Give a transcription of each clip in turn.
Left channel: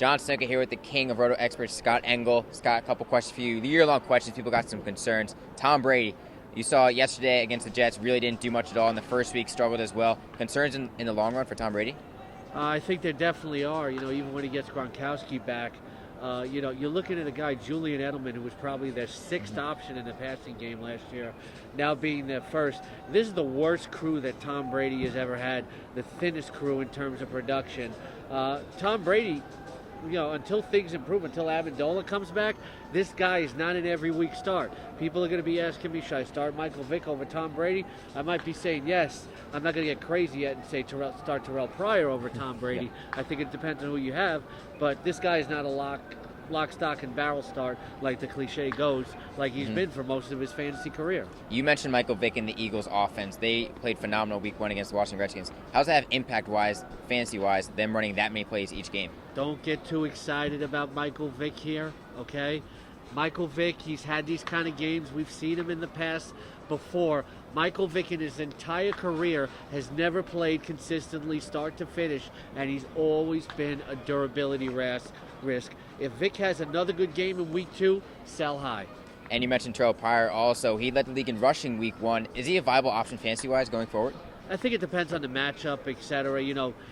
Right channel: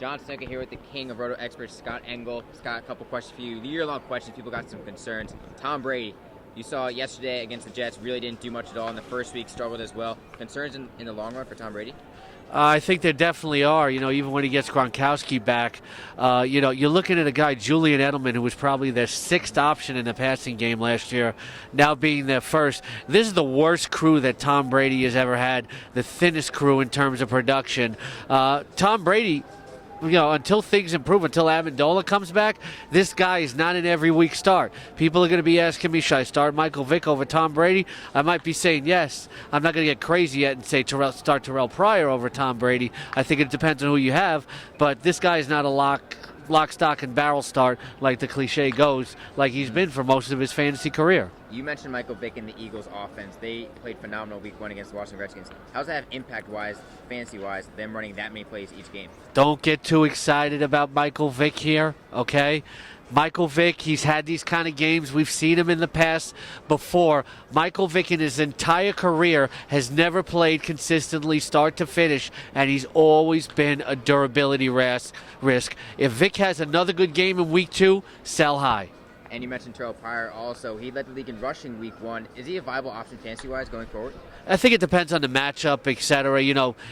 John Stanko here with the king of RotoExperts, Scott Engel. Scott, a couple questions for you. The year-long questions. People got some concerns. Tom Brady, you saw yesterday against the Jets, really didn't do much at all in the first week, struggled as well. Concerns in the long run for Tom Brady? I think there definitely are. Even when he gets Gronkowski back, you're looking at a guy, Julian Edelman, who was probably their sixth option in the passing game last year, now being their first. This is the worst crew that Tom Brady has ever had, the thinnest crew in terms of production. Tom Brady, until things improve, until Amendola comes back, this guy is not an every week start. People are going to be asking me, should I start Michael Vick over Tom Brady? I might be saying yes. I'm not going to get crazy yet and say start Terrell Pryor over Tom Brady. I think it depends on who you have, but this guy is not a lock, stock, and barrel start like the cliche goes, like he's been for most of his fantasy career. You mentioned Michael Vick and the Eagles offense. They played phenomenal week 1 against the Washington Redskins. How does that have impact-wise, fantasy-wise, them running that many plays each game? Don't get too excited about Michael Vick here, okay? Michael Vick, he's had these kind of games. We've seen him in the past before. Michael Vick in his entire career has never played consistently start to finish, and he's always been a durability risk. If Vick has another good game in week 2, sell high. And you mentioned Terrell Pryor also. He led the league in rushing week 1. Is he a viable option fantasy-wise going forward? I think it depends on the matchup, etc.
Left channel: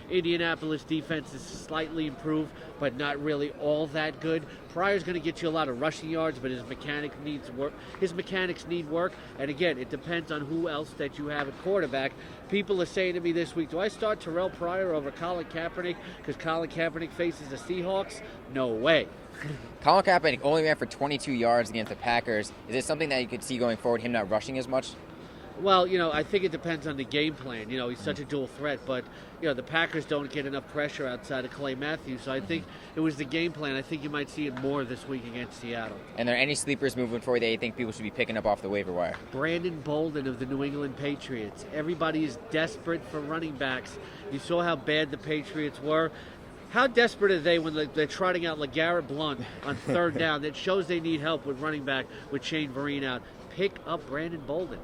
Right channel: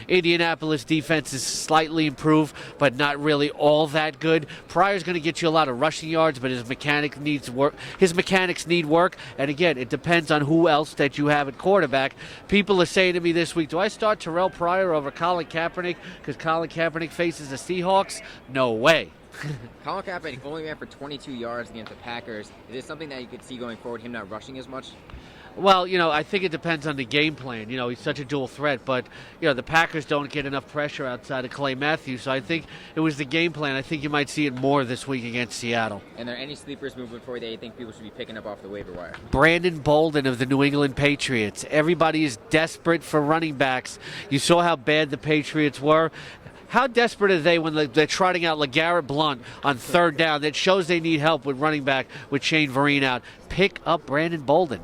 Indianapolis defense is slightly improved, but not really all that good. Pryor's going to get you a lot of rushing yards, but his mechanics need work. And again, it depends on who else that you have at quarterback. People are saying to me this week, do I start Terrell Pryor over Colin Kaepernick because Colin Kaepernick faces the Seahawks? No way. Colin Kaepernick only ran for 22 yards against the Packers. Is it something that you could see going forward, him not rushing as much? Well, I think it depends on the game plan. He's such a dual threat, but, the Packers don't get enough pressure outside of Clay Matthews, so I think it was the game plan. I think you might see it more this week against Seattle. And are there any sleepers moving forward that you think people should be picking up off the waiver wire? Brandon Bolden of the New England Patriots. Everybody is desperate for running backs. You saw how bad the Patriots were. How desperate are they when they're trotting out LeGarrette Blount on third down? That shows they need help with running back with Shane Vereen out. Pick up Brandon Bolden.